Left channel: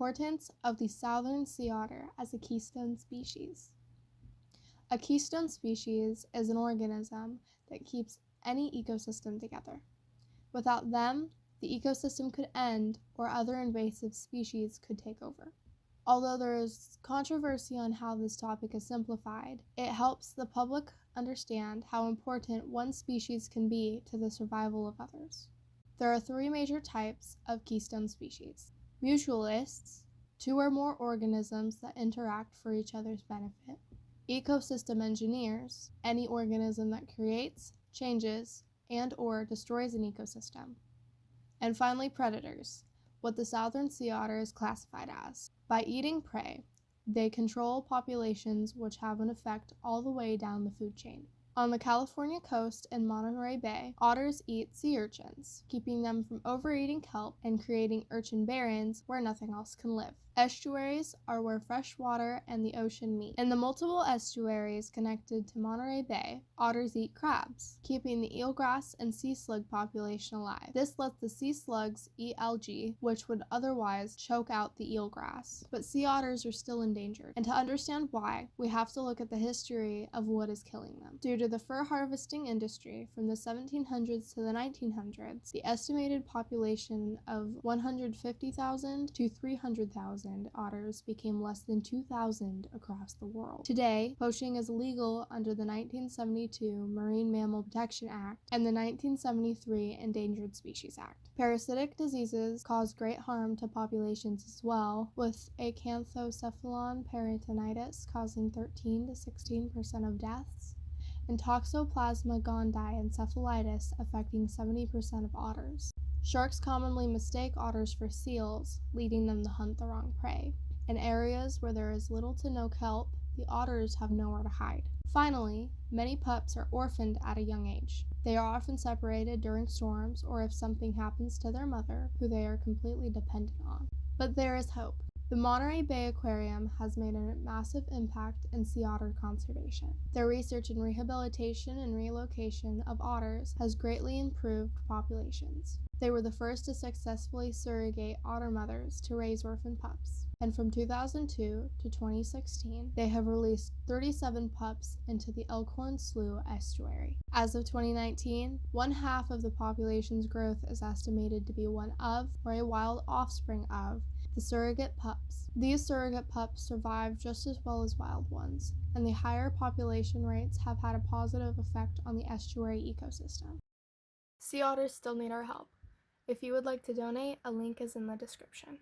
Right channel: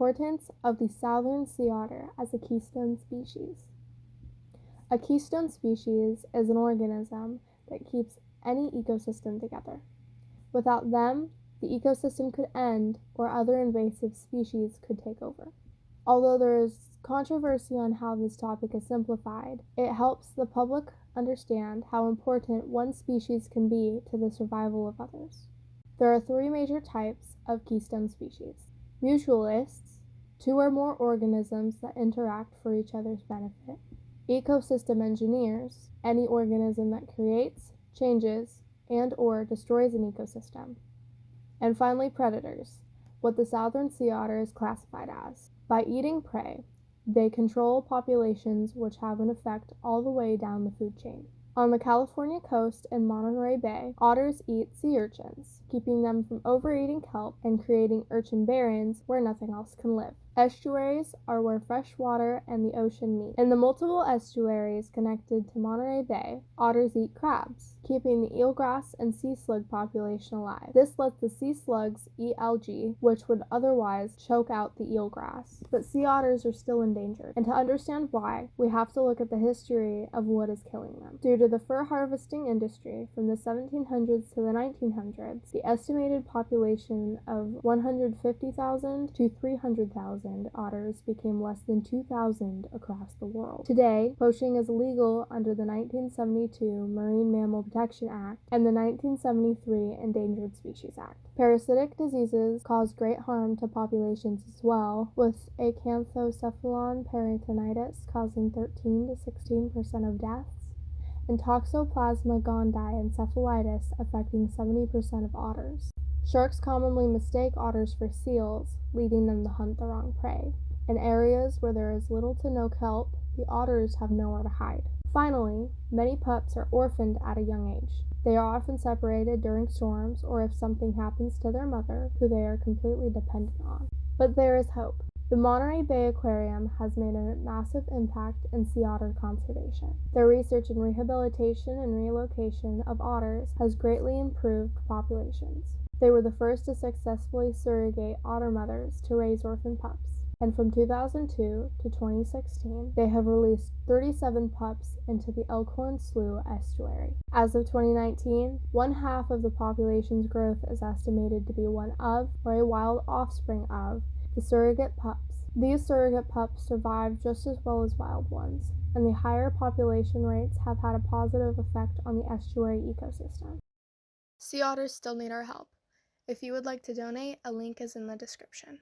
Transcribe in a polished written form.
Importance of the southern sea otter as a keystone species. A keystone species is an organism that keeps any ecosystem together. Without them, the ecosystem could end or other invasive species could take over. Although there is controversy on how this topic is simplified, it helps the public understand how important one species can be to the survival of others. There are three major types of keystone species. Mutualists, two or more organisms that interact for each other's benefit. Ecosystem engineers, any organism that creates, changes, and or destroys an ecosystem. And finally, predators, what the southern sea otter is classified as. By eating prey, they control populations which have an effect all the way down the food chain. On the California coast and Monterey Bay, otters eat sea urchins, keeping them from overeating kelp and creating urchin barrens where nothing else can live. Estuaries are where fresh water and the ocean meet. In the multiple estuaries connected to Monterey Bay, otters eat crabs, keeping the eelgrass and sea slug population alive. This lets the sea slugs eat algae, which would otherwise choke out the eelgrass. But sea otters are still endangered, and to understand why, we have to look at the history of what is killing them. Due to the fur harvesting industry from the 1700s to the 1900s, the estimated population of 150,000 to 300,000 otters became less than 2,000 across the world. Today, poaching is illegal under the 1972 Marine Mammal Protection Act and the 1973 Endangered Species Act. Parasitic diseases cause great harm to populations as well, with acanthocephalon peritonitis causing 13 to 16% of deaths, and Toxoplasma gondii encephalitis affecting 70% of otters. Sharks commonly mistake otters for seals, leading them to hunt the wrong prey. In areas where there is little to no kelp, the otters have nowhere to hide. Finally, many pups are orphaned at a young age. They are often separated during storms or if something happens to their mother, who they are completely dependent on. But there is hope. The Monterey Bay Aquarium has made a massive impact in sea otter conservation. Their research in rehabilitation and relocation of otters has greatly improved populations. They were the first to successfully surrogate otter mothers to raise orphan pups. And from 2002 to 2016, they have released 37 pups into the Elkhorn Slough estuary. As of 2019, 1/2 of the population's growth is estimated to be one of, or a wild offspring of, the surrogate pups. These surrogate pups survive just as well as wild ones, and the higher population rates have had a positive effect on the estuary ecosystem. Sea otters still need our help. If you would like to donate, a link is in the description.